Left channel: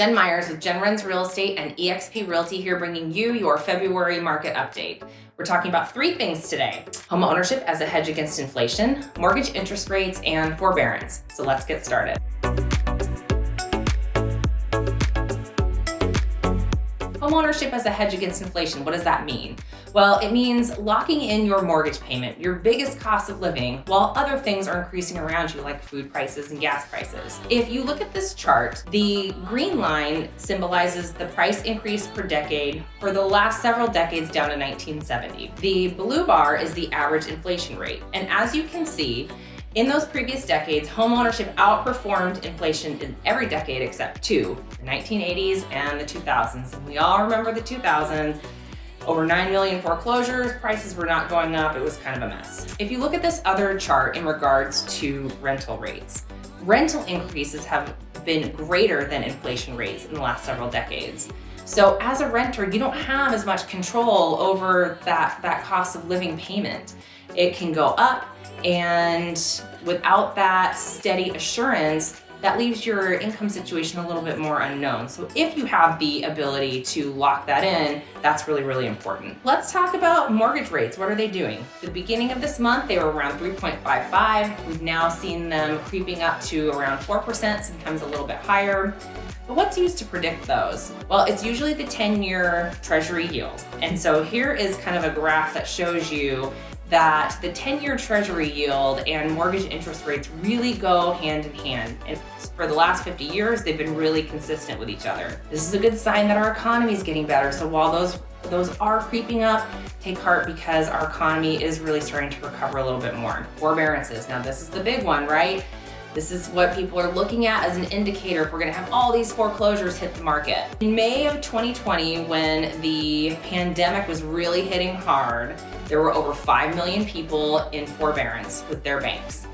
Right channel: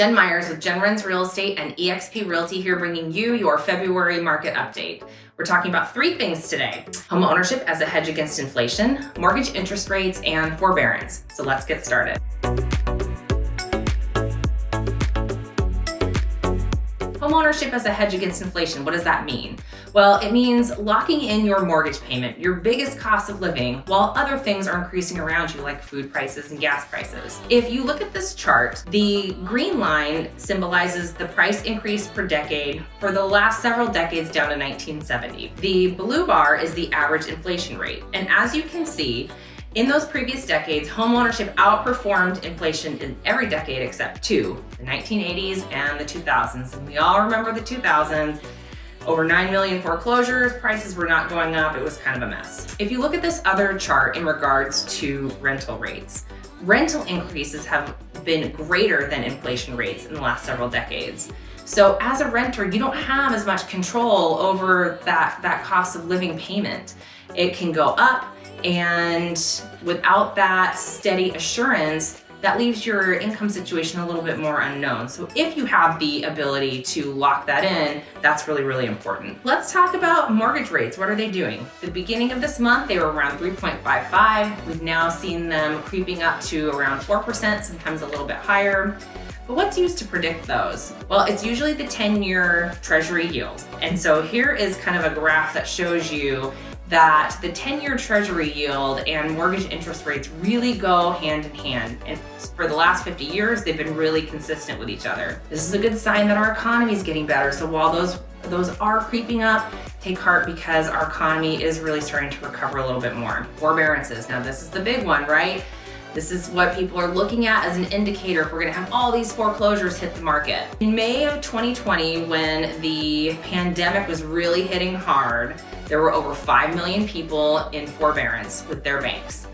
Jen Myers with Jen Runs Real Estate and eXp Realty here bringing you your February market update. We're talking about three things today: home ownership as a hedge against inflation, mortgage interest rates, and forbearance. So let's get started. Homeownership as a hedge against inflation, what does that mean? Well, it means locking in your mortgage payment, your biggest cost of living, while other things are increasing around you like food prices and gas prices. If you look at this chart, the green line symbolizes the price increase per decade for the last several decades down to 1970. The blue bar is the average inflation rate. And as you can see, in those previous decades, homeownership outperformed inflation in every decade except two, the 1980s and the 2000s. And we all remember the 2000s, over 9 million foreclosures, prices were not going up, it was kind of a mess. If you look at this other chart in regards to rental rates, rental increases have been greater than inflation rates in the last several decades. So as a renter, you don't have as much control over that cost of living payment. It can go up, and without that steady assurance, that leaves your income situation a little bit more unknown. So if you have the ability to lock that in, that's really, really important. Let's talk about mortgage rates. What are they doing? At the beginning of this month, they were around 3.55. We've now seen them creeping up to around 4%, sometimes a little bit higher. But what's used to predict those? Well, it's usually the 10-year Treasury yield. And so here is kind of a graph that shows you that the 10-year Treasury yield and mortgage interest rates really go hand in hand. And for the last 50 years, they've been really consistent with each other. This is a good sign that our economy is getting better. So while those are creeping up, take heart because our economy is really starting to recover a little bit more. Forbearances, now this is the big one, right? This is what people are looking at as an indicator if we're gonna have all these foreclosures hit the market. In May of 2020, when the pandemic was really hitting hard, there were over 5 million people in forbearance with their banks.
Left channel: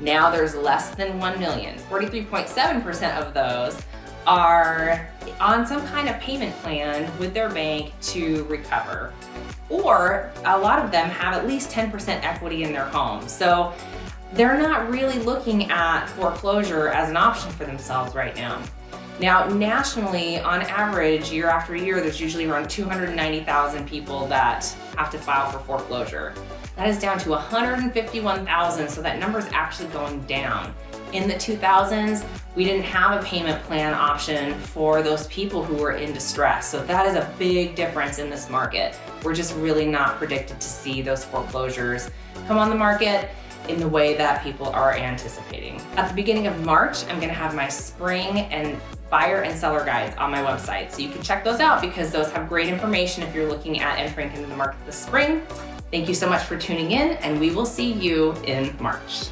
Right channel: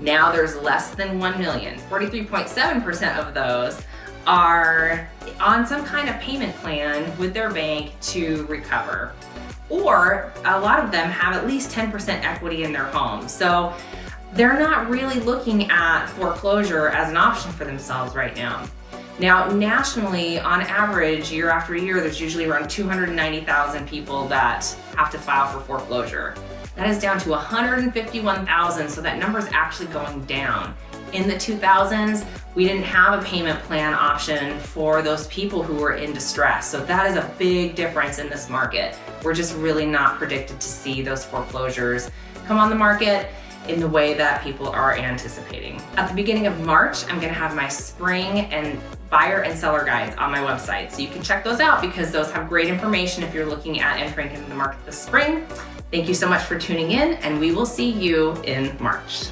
Now there's less than 1 million. 43.7% of those are on some kind of payment plan with their bank to recover. Or a lot of them have at least 10% equity in their home. So they're not really looking at foreclosure as an option for themselves right now. Now, nationally, on average, year after year, there's usually around 290,000 people that have to file for foreclosure. That is down to 151,000, so that number is actually going down. In the 2000s, we didn't have a payment plan option for those people who were in distress. So that is a big difference in this market. We're just really not predicted to see those foreclosures come on the market in the way that people are anticipating. At the beginning of March, I'm gonna have my spring and buyer and seller guides on my website. So you can check those out because those have great information if you're looking at entering into the market this spring. Thank you so much for tuning in, and we will see you in March.